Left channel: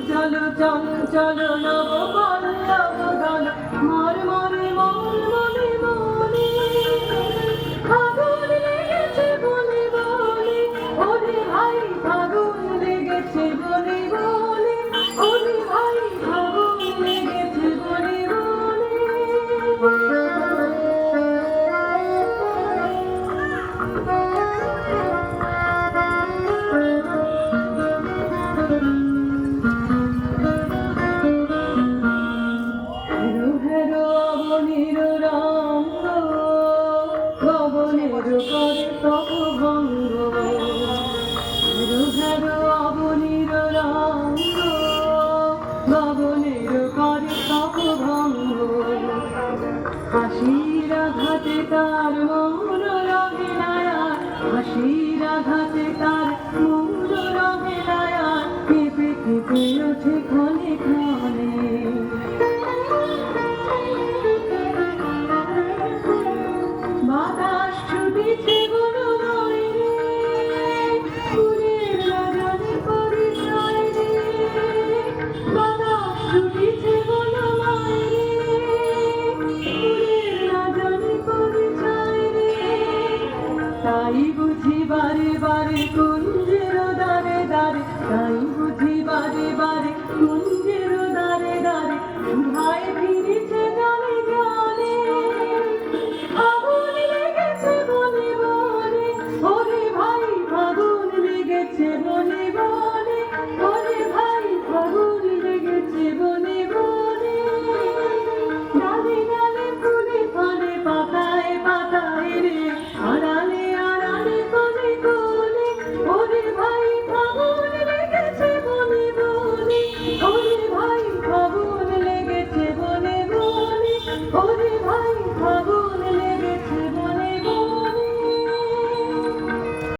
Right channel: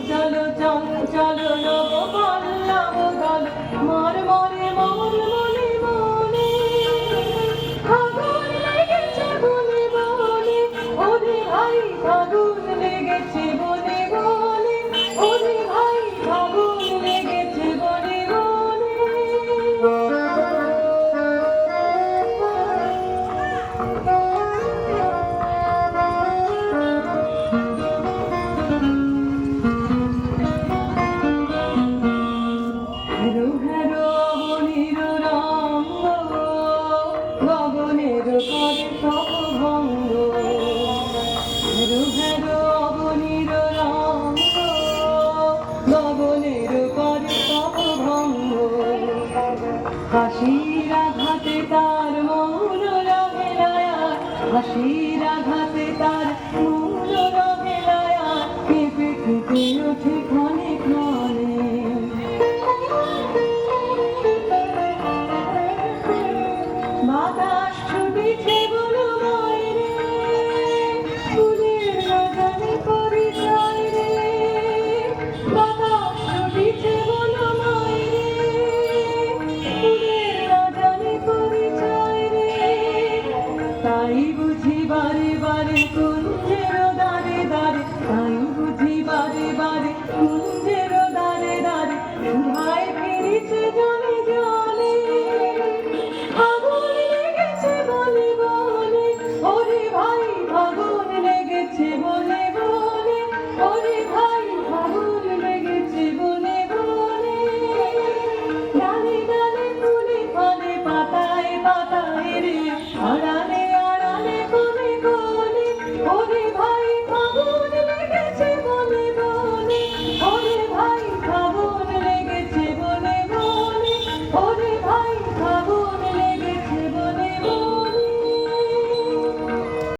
চলো চঞ্চল নবগণ নবগণ মর মরে মর মনে মনে ফাগুন লেগেছে বনে বনে ওরে ভাই ফাগুন লেগেছে বনে বনে ওরে ভাই ফাগুন লেগেছে বনে বনে হেরো হেরো অবনীর রঙ্গ গগনের করে প্রভঙ্গ হেরো হেরো অবনীর রঙ্গ গগনের করে প্রভঙ্গ হাসির আঘাতে তার মৌর রঙে লায়ার হাসির আঘাতে তার মৌর রঙে লায়ার কেঁপে কেঁপে ওঠে